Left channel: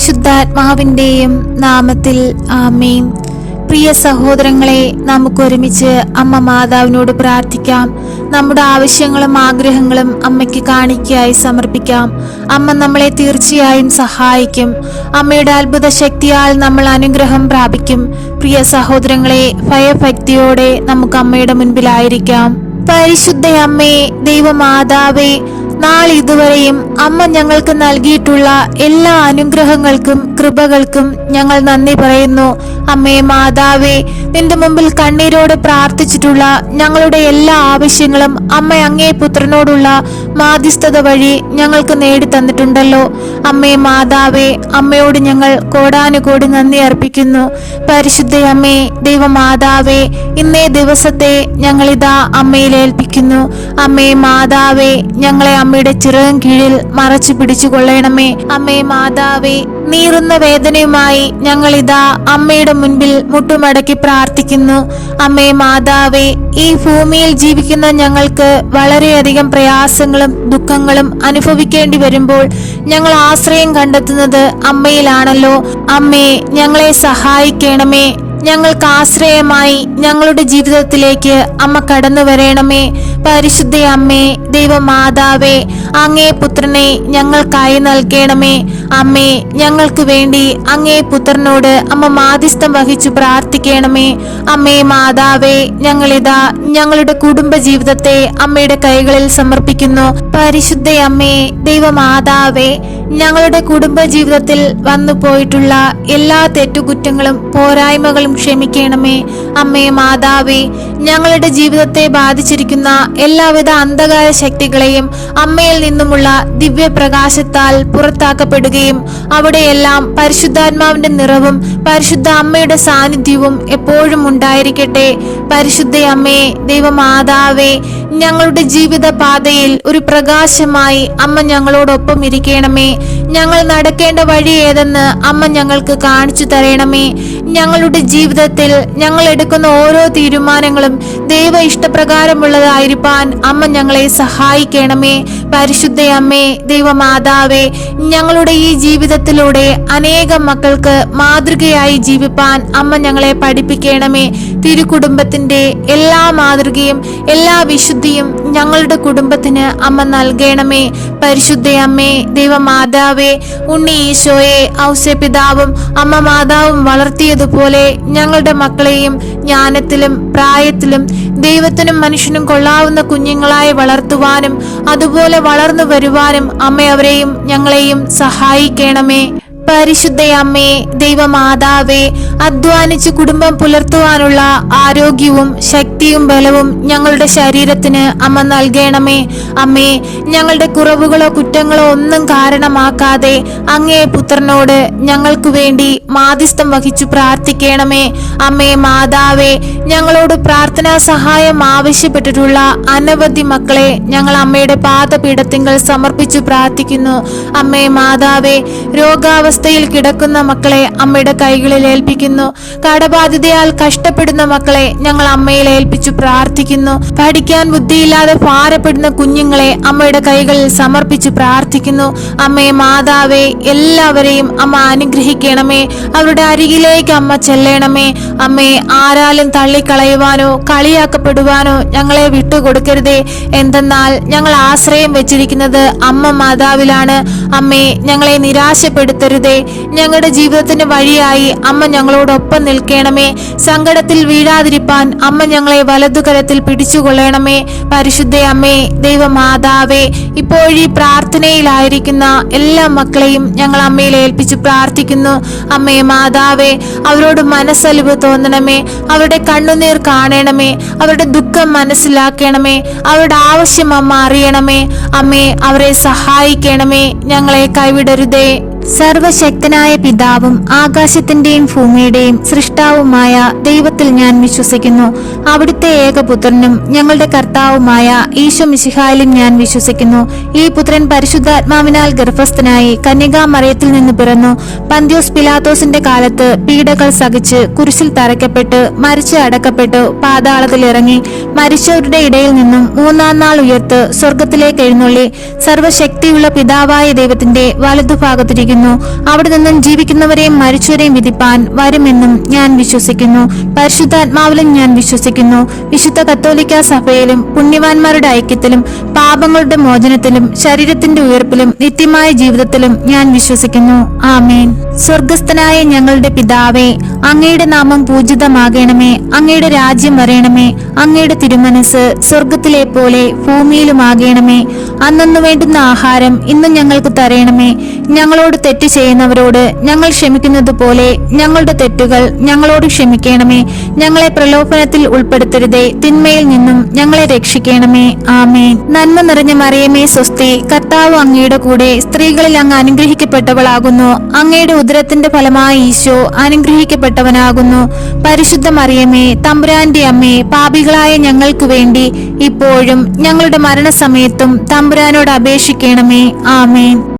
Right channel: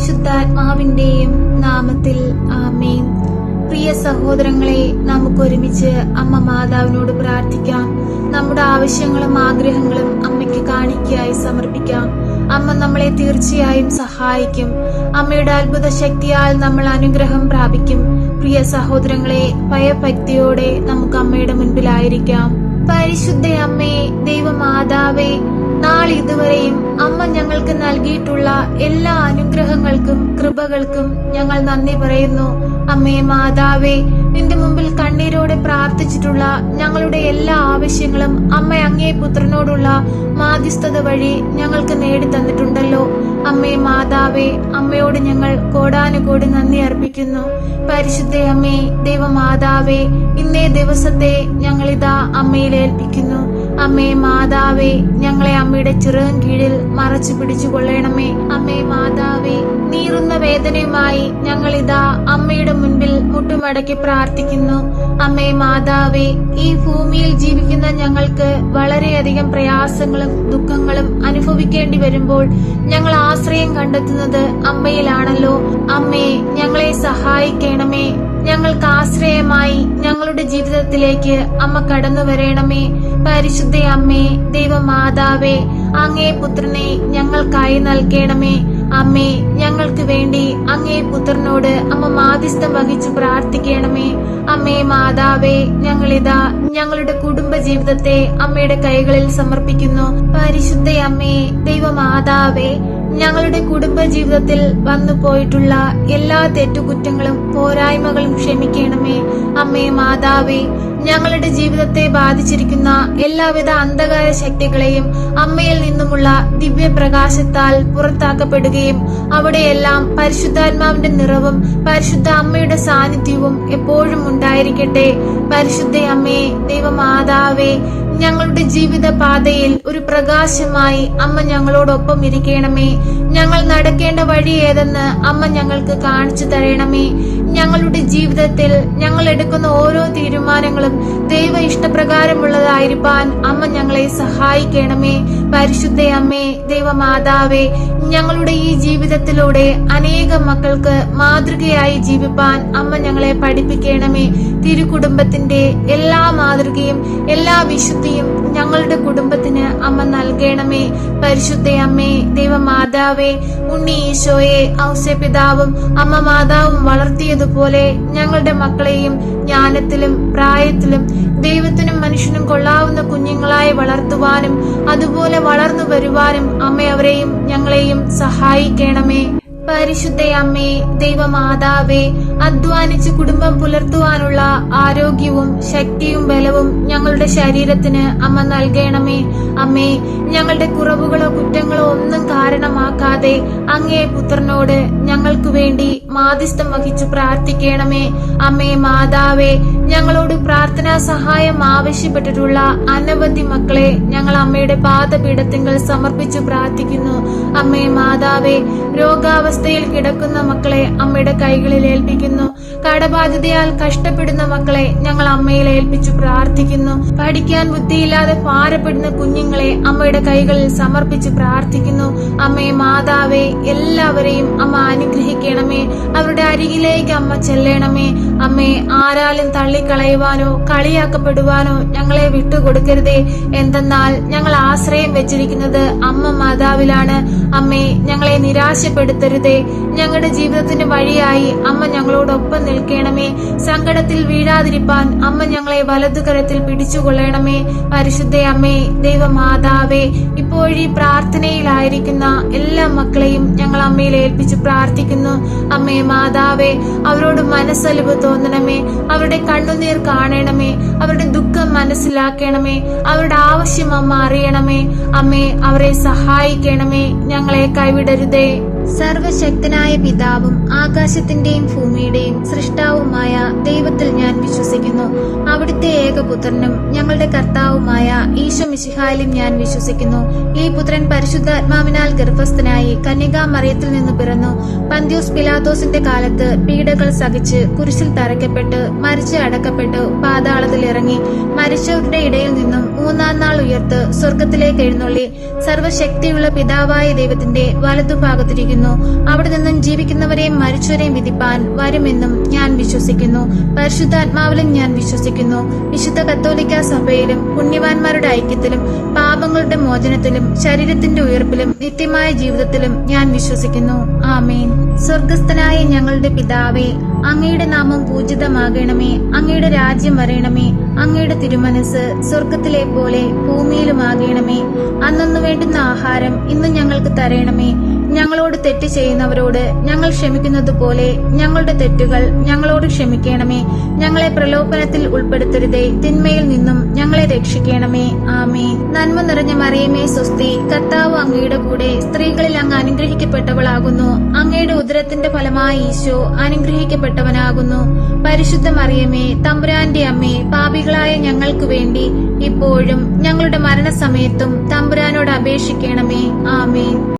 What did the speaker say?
പരിശുദ്ധാത്മാവിന്റെയും നാമത്തിൽ ആമേൻ. പ്രിയ സഹോദരങ്ങളെ, നമുക്ക് ഒരുമിച്ച് അമ്മ മാതാവിനോട് പ്രാർത്ഥിക്കാം. നമ്മുടെ ആവശ്യങ്ങളും ആഗ്രഹങ്ങളും അമ്മയ്ക്ക് കാണിക്കയായി സമർപ്പിക്കാം. അമ്മ നമ്മളെ തീർച്ചയായും സഹായിക്കും. അമ്മയുടെ അത്ഭുത ശക്തിയാൽ നമ്മൾ അനുഗ്രഹം പ്രാപിക്കും. പ്രിയ സഹോദരങ്ങളെ, ഭയഭക്തിയോടെ നമുക്ക് അമ്മയുടെ മുൻപിലായിരിക്കാം. പരിശുദ്ധ അമ്മേ, ദൈവമാതാവേ, നാളിതുവരെയും അമ്മ ഞങ്ങൾക്ക് നൽകിയിട്ടുള്ള എല്ലാ അനുഗ്രഹങ്ങൾക്കും കൃപകൾക്കും ഞങ്ങൾ നന്ദി പറയുന്നു. അമ്മേ മാതാവേ, നിന്റെ മുമ്പിൽ കണ്ണീരോടെ പ്രാർത്ഥിച്ചിട്ടുള്ള ഞങ്ങളുടെ എല്ലാ ആവശ്യങ്ങളും അമ്മ അങ്ങേ പുത്രനോടുള്ള മാധ്യസ്ഥത വഴി ഞങ്ങൾക്ക് നേടിത്തന്നിട്ടുണ്ടല്ലോ. അമ്മേ മാതാവേ, അമ്മയോട് ഞങ്ങൾ കോടാനുകോടി നന്ദി അർപ്പിക്കുന്നു. പരിശുദ്ധ അമ്മേ, ദൈവമാതാവേ, ഇന്നേ ദിവസത്തെ ഞങ്ങളിതാ അമ്മയിൽ ഏൽപ്പിക്കുന്നു. അമ്മേ മാതാവേ, ഞങ്ങളെ അമ്മയുടെ ചിറകിൻ കീഴിൽ മറച്ചു പിടിച്ചു കൊള്ളണമേ. അമ്മേ മാതാവേ, നീറുന്ന വേദനയുമായി ഞങ്ങളിതാ അമ്മയുടെ മുൻപിൽ മുട്ടുമടക്കി പ്രാർത്ഥിക്കുന്നു. അമ്മേ മാതാവേ, ഈ ഭൂമിയിൽ ജീവിക്കുന്ന ഞങ്ങൾക്ക് വളരെയധികം പ്രയാസങ്ങളും ദുഃഖങ്ങളും അനുഭവിക്കേണ്ടി വരുമ്പോൾ ഞങ്ങൾ ആശ്രയം കണ്ടെത്തുന്നത് അമ്മയിലാണല്ലോ. അമ്മേ, ഞങ്ങളെ സഹായിക്കണമേ. ഞങ്ങൾക്ക് ആശ്രയമായി ഞങ്ങളുടെ ജീവിതത്തിലേക്ക് അമ്മ കടന്നു വരണമേ. പരിശുദ്ധ അമ്മേ, ദൈവമാതാവേ, അങ്ങേ പുത്രനെ ഞങ്ങൾക്കായി നൽകണമേ. അമ്മേ, ഞങ്ങൾക്ക് വേണ്ടി അങ്ങേ പുത്രനോട് അമ്മ മാധ്യസ്ഥം വഹിച്ചു പ്രാർത്ഥിക്കണമേ. അമ്മേ മാതാവേ, ഞങ്ങളിതാ ഞങ്ങളുടെ കുടുംബ ജീവിതത്തെ അമ്മയുടെ കൈകളിൽ സമർപ്പിക്കുന്നു. പരിശുദ്ധ അമ്മേ, ദൈവമാതാവേ, ഞങ്ങളുടെ കുടുംബ ജീവിതത്തിൽ വന്നു പോയിട്ടുള്ള എല്ലാ തെറ്റുകുറ്റങ്ങളും പോരായ്മകളും ക്ഷമിക്കണമേ. അമ്മേ മാതാവേ, ഞങ്ങളുടെ ജീവിതത്തെ ബാധിച്ചിരിക്കുന്ന എല്ലാവിധ അന്ധകാര ശക്തികളെയും അമ്മയിൽ നിന്നുമുള്ള ദിവ്യപ്രകാശത്താൽ പുറത്താക്കപ്പെടുകയും അവിടെയെല്ലാം പരിശുദ്ധാത്മാവിന്റെ നിറവും പരിശുദ്ധ അമ്മയുടെ സാന്നിധ്യവും എപ്പോഴും ഉണ്ടായിരിക്കട്ടെ. പരിശുദ്ധ അമ്മേ, ദൈവമാതാവേ, ഞങ്ങളുടെ ജീവിത പാതയിൽ ഒരു പ്രകാശമായി അമ്മ ഞങ്ങളോടൊപ്പം ഇരിക്കണമേ. ഞങ്ങൾ നടക്കേണ്ട വഴി ഏതെന്ന് അമ്മ ഞങ്ങൾക്ക് കാണിച്ചു തരണമേ. ഞങ്ങളുടെ ജീവിതത്തിൽ ഞങ്ങൾ എടുക്കുന്ന ഓരോ തീരുമാനങ്ങളും ദൈവ ഇഷ്ടപ്രകാരമുള്ളതായിരിക്കാൻ അമ്മ ഞങ്ങളെ സഹായിക്കണമേ. പരിശുദ്ധ അമ്മേ, ദൈവമാതാവേ, ഞങ്ങളുടെ ഈ ജീവിതത്തിലൂടെ അനേകം മക്കൾക്ക് മാതൃകയായി ജീവിപ്പാൻ അമ്മ ഞങ്ങളെ പഠിപ്പിക്കണമേ. തിരുകുടുംബത്തിന്റെ എല്ലാ മാതൃകയും എല്ലാ വിശുദ്ധിയും ഞങ്ങളുടെ കുടുംബത്തിന് അമ്മ നൽകണമേ. പരിശുദ്ധ അമ്മേ, ദൈവമാതാവേ, ഉണ്ണി ഈശോയെ ഔസേപിതാവും അമ്മ മാതാവും വളർത്തിയതുപോലെ ഞങ്ങളുടെ മക്കളെയും ജ്ഞാനത്തിലും പ്രായത്തിലും ദൈവത്തിനും മനുഷ്യനും കൊള്ളാവുന്ന കുഞ്ഞുങ്ങളായി വളർത്തുവാനും അതുപോലെ വളർന്നു വരുവാനും അമ്മ അവരെയും ഞങ്ങളെയും സഹായിക്കണമേ. പരിശുദ്ധ അമ്മേ, ദൈവമാതാവേ, അധ്വാനിച്ച് കുടുംബം പുലർത്തുവാനുള്ള ആരോഗ്യവും ശക്തിയും ബലവും ഞങ്ങളുടെ ശരീരത്തിന് അമ്മ നൽകണമേ. അമ്മേ, ഞങ്ങളുടെ കുറവുകളോ കുറ്റങ്ങളോ ഒന്നും കാരണമാക്കാതെ അങ്ങേ പുത്രനോട് ഞങ്ങൾക്ക് വേണ്ടി മാധ്യസ്ഥം വഹിച്ചു പ്രാർത്ഥിക്കണമേ. അമ്മേ മാതാവേ, ഞങ്ങളോട് പ്രാർത്ഥനാ സഹായം ആവശ്യപ്പെട്ടിട്ടുള്ള അനവധി മക്കളെ ഞങ്ങൾ അമ്മയുടെ പാദപീഠത്തിങ്കൽ സമർപ്പിച്ചു പ്രാർത്ഥിക്കുന്നു. അമ്മേ മാതാവേ, രോഗാവസ്ഥയിൽ കിടക്കുന്ന മക്കളെ അമ്മയുടെ കൈകളിൽ ഏൽപ്പിക്കുന്നു. കടബാധിതയാൽ കഷ്ടപ്പെടുന്ന മക്കളെ ഞങ്ങൾ അമ്മയിൽ ഏൽപ്പിച്ചു പ്രാർത്ഥിക്കുന്നു. പഠിക്കാൻ ബുദ്ധിയില്ലാതെ ഭാരപ്പെടുന്ന കുഞ്ഞുങ്ങളെ അമ്മയുടെ കൈകളിൽ സമർപ്പിച്ചു പ്രാർത്ഥിക്കുന്നു. അമ്മേ മാതാവേ, എല്ലാവരെയും അമ്മ അനുഗ്രഹിക്കണമേ. അവരുടെ അരികിലേക്ക് അമ്മ ചെല്ലണമേ. അമ്മേ, ആരാലും തള്ളിക്കളയുവാനോ കളിയാക്കപ്പെടുവാനോ ഞങ്ങളെ വിട്ടുകൊടുക്കരുതേ. എന്തെന്നാൽ ഞങ്ങൾ ആശ്രയം വെച്ചിരിക്കുന്നത് അമ്മ മാതാവിലാണ്. അമ്മേ, ഞങ്ങളെ നിരാശപ്പെടുത്തരുതേ. ഞങ്ങളുടെ ജീവിതത്തിന് വഴിയായി അമ്മ ഞങ്ങളോടൊപ്പം നിൽക്കണമേ. സങ്കടത്തിൽ വീഴാതിരിപ്പാൻ അമ്മ ഞങ്ങളെ വലതുകരത്തിൽ പിടിച്ചുകൊള്ളണമേ. പരിശുദ്ധ അമ്മേ, ദൈവമാതാവേ, ഇപ്പോഴീ പ്രാർത്ഥനയിലായിരിക്കുന്ന എല്ലാ മക്കളെയും ഞങ്ങൾ അമ്മയിൽ ഏൽപ്പിച്ചു പ്രാർത്ഥിക്കുന്നു. അമ്മേ മാതാവേ, അവരോട് മനസ്സലിവ് തോന്നണമേ. അവരുടെ കണ്ണുനീർ കാണണമേ. അവരുടെ ദുഃഖം മനസ്സിലാക്കണമേ. അവരുടെ ആവശ്യം അമ്മ അറിയണമേ. അമ്മേ, അവരെ സഹായിക്കണമേ. ഞങ്ങളെ കൈവിടരുതേ. സർവശക്തനായ പിതാവും ആകാശത്തിന്റെയും ഭൂമിയുടെയും സൃഷ്ടാവുമായ ദൈവത്തിൽ ഞാൻ വിശ്വസിക്കുന്നു. അവിടുത്തെ അവിടുത്തെ ഏകപുത്രനും ഞങ്ങളുടെ കർത്താവുമായ ഈശോ മിശിഹായിലും ഞാൻ വിശ്വസിക്കുന്നു. ഈ പുത്രൻ പരിശുദ്ധാത്മാവിനാൽ ഗർഭസ്ഥനായി കന്യകാമറിയത്തിൽ നിന്ന് പിറന്നു. പന്ത്യോസ് പിലാത്തോസിന്റെ കാലത്ത് പീഡകൾ സഹിച്ച് കുരിശിൽ തറയ്ക്കപ്പെട്ട് മരിച്ച് അടക്കപ്പെട്ടു പാതാളത്തിൽ ഇറങ്ങി മരിച്ചവരുടെ ഇടയിൽ നിന്നും മൂന്നാം നാൾ ഉയർത്ത് സ്വർഗത്തിലേക്ക് എഴുന്നള്ളി സർവശക്തിയുള്ള പിതാവായ ദൈവത്തിന്റെ വലതുഭാഗത്തിരിക്കുന്നു. അവിടെ നിന്നും ജീവിക്കുന്നവരെയും മരിച്ചവരെയും വിധിപ്പാൻ വരുമെന്നും ഞാൻ വിശ്വസിക്കുന്നു. പരിശുദ്ധാത്മാവിലും ഞാൻ വിശ്വസിക്കുന്നു. വിശുദ്ധ കത്തോലിക്ക സഭയിലും പുണ്യവാന്മാരുടെ ഐക്യത്തിലും പാപങ്ങളുടെ മോചനത്തിലും ശരീരത്തിന്റെ ഉയർപ്പിലും നിത്യമായ ജീവിതത്തിലും ഞാൻ വിശ്വസിക്കുന്നു. ആമേൻ. സ്വർഗസ്ഥനായ ഞങ്ങളുടെ പിതാവേ, അങ്ങയുടെ നാമം പൂജിതമാകണമേ. അങ്ങയുടെ രാജ്യം വരയണമേ. അങ്ങയുടെ തിരുമനസ് സ്വർഗത്തിലെ പോലെ ഭൂമിയിലുമാകണമേ. അന്നന്നു വേണ്ടുന്ന ആഹാരം ഇന്ന് ഞങ്ങൾക്ക് തരയണമേ. ഞങ്ങളോട് തെറ്റ് ചെയ്യുന്നവരോട് ഞങ്ങൾ ക്ഷമിക്കുന്നത് പോലെ ഞങ്ങളുടെ തെറ്റുകൾ ഞങ്ങളോട് ക്ഷമിക്കണമേ. ഞങ്ങളെ പ്രലോഭനത്തിൽ ഉൾപ്പെടുത്തരുതേ, തിന്മയിൽ നിന്നും ഞങ്ങളെ രക്ഷിക്കണമേ. ആമേൻ. നന്മ നിറഞ്ഞ മറിയമേ സ്വസ്തി, കർത്താവ് അങ്ങയുടെ കൂടെ സ്ത്രീകളിൽ അങ്ങ് അനുഗ്രഹിക്കപ്പെട്ടവളാകുന്നു. അങ്ങയുടെ ഉദരത്തിന്റെ ഫലമായ ഈശോ അനുഗ്രഹിക്കപ്പെട്ടവനാകുന്നു. പരിശുദ്ധ മറിയമേ, തമ്പുരാന്റെ അമ്മേ, പാപികളായ ഞങ്ങൾക്ക് വേണ്ടി ഇപ്പോഴും ഞങ്ങളുടെ മരണസമയത്തും തമ്പുരാനോട് അപേക്ഷിക്കണമേ. ആമേൻ.